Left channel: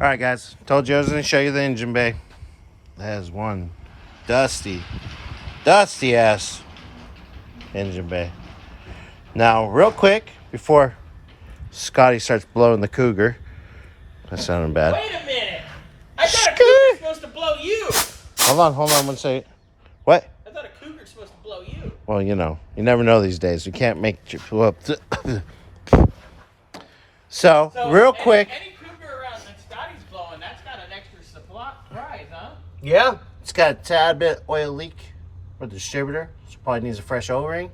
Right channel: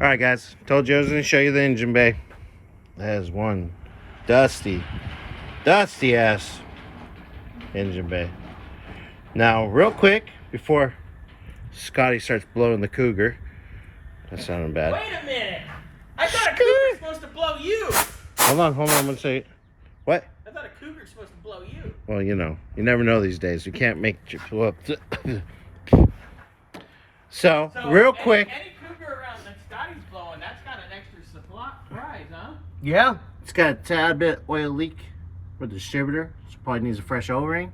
All right, guys. Told you I was going to show you the engine bay. That is one dusty ass engine bay. Now, real quick, before Scotty starts blowing the Cougar. That sounded bad. Wait a minute. I thought a Cougar's supposed to blow you. Hold on 1 second. What? I thought a Cougar's supposed to blow you. Well, you know, you never know these days. You can't make... So real quick. Any Cougar around that Scotty's blowing, that's got an extra supply prize, huh? Yeah. It's got a tad bit oil leak with the distributor. So probably needs a fresh O-ring.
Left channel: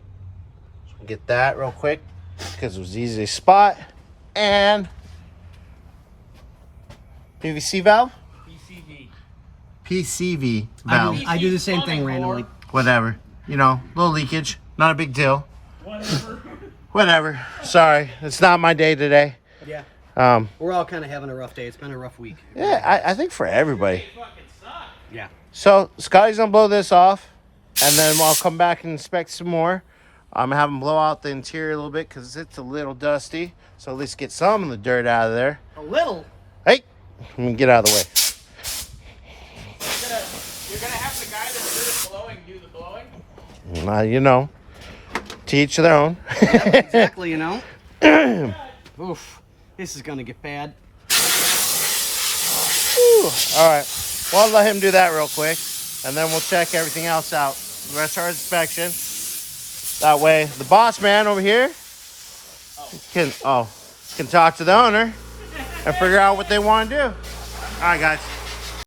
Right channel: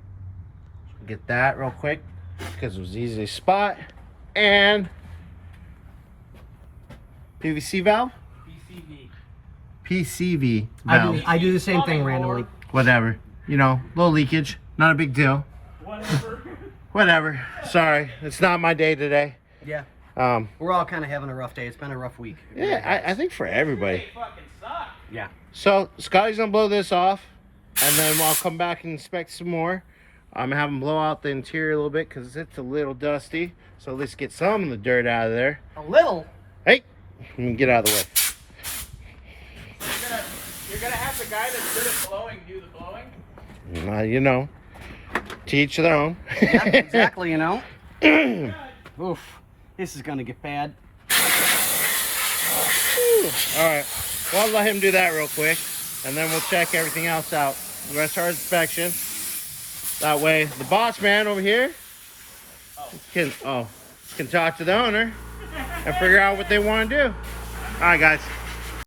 So we'll get that real quick because it was easy to spot. And PVC valve? PCV valve. I do the same thing randomly. Whatever. You know, little leakage. Not a big deal. Whatever. Sorry. It's not my day today. Yeah. We're all kind of having a rough day. It's been a rough week. Yeah, I think for everybody. Yeah. So Scotty's gonna blow this off, and then I'll come back and inspect some more. I'm gonna have him blow out the interior a little bit because it's a little dusty. So at least get some of the dirt out of there. A little. Hey, let me get out of the way. You're gonna have the guy that's good at blowing do the blowing? You know, to each their own. Yeah, exactly. You know. Oof. This is gonna get bad. All right. Well, I'll let him do that real quick, and then we'll check everything else out. We're gonna start inspection. That way, the boss man over here can talk to the owner and figure out what they want to do. All right, guys.